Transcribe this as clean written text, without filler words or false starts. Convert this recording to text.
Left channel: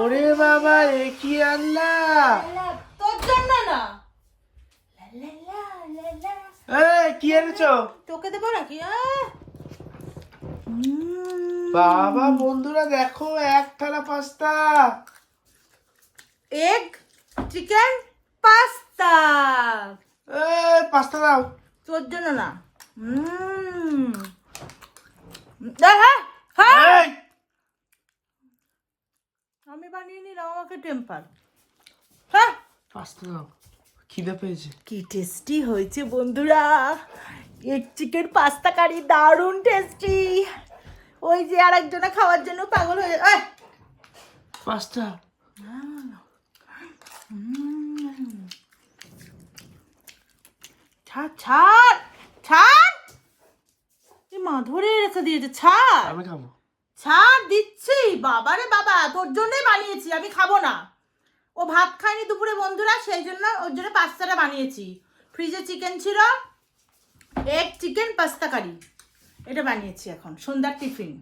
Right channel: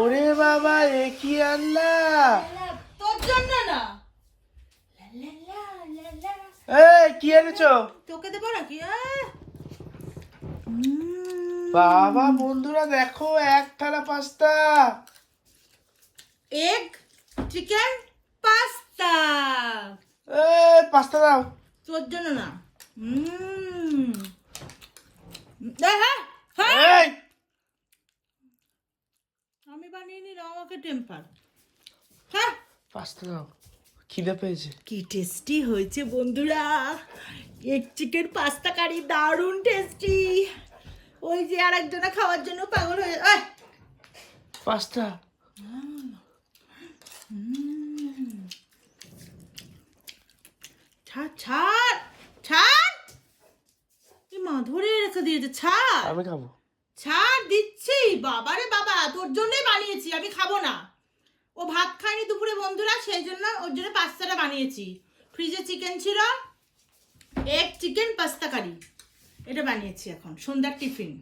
ওরে বাবা রে কি আনলা? তোর জন্য না। কি এনেছো? তোকে দেবো নাকি? বাবা বন্ধুরা দেখো, এক থালা pasta, egg chicken pasta. Pasta দাও। তোর জন্য না। হ্যাঁ হ্যাঁ, এই, আমি বানিয়ে নিলাম, আমাকে টেম্পার। হ্যাঁ, পাস্তা দাও, খিদে পেয়েছে। কি টেস্টি হয়েছে বন্ধুরা, এগ চিকেন পাস্তা কারি, দারুণ টেস্টি। ওই যে আরেকজনা খাওয়ার জন্য পাগল হয়ে পাস্তা ছাড় ছাড় ছাড়, মা ধরে রেখে দিয়েছে। ছাড়, আমি খাবো। ছাড় দিচ্ছি। বাবারে বাবা, তোর জন্যই বানিয়েছি, আমি খাবো না। ও ভাত খায়নি দুপুরে বন্ধুরা, সেই জন্য ওর জন্য পাস্তাটা বানিয়েছি। ফ্রিজে চিকেন ছিল, এগ চিকেন পাস্তা কারি, এটা বানিয়েছি এখন সন্ধ্যার টিফিন।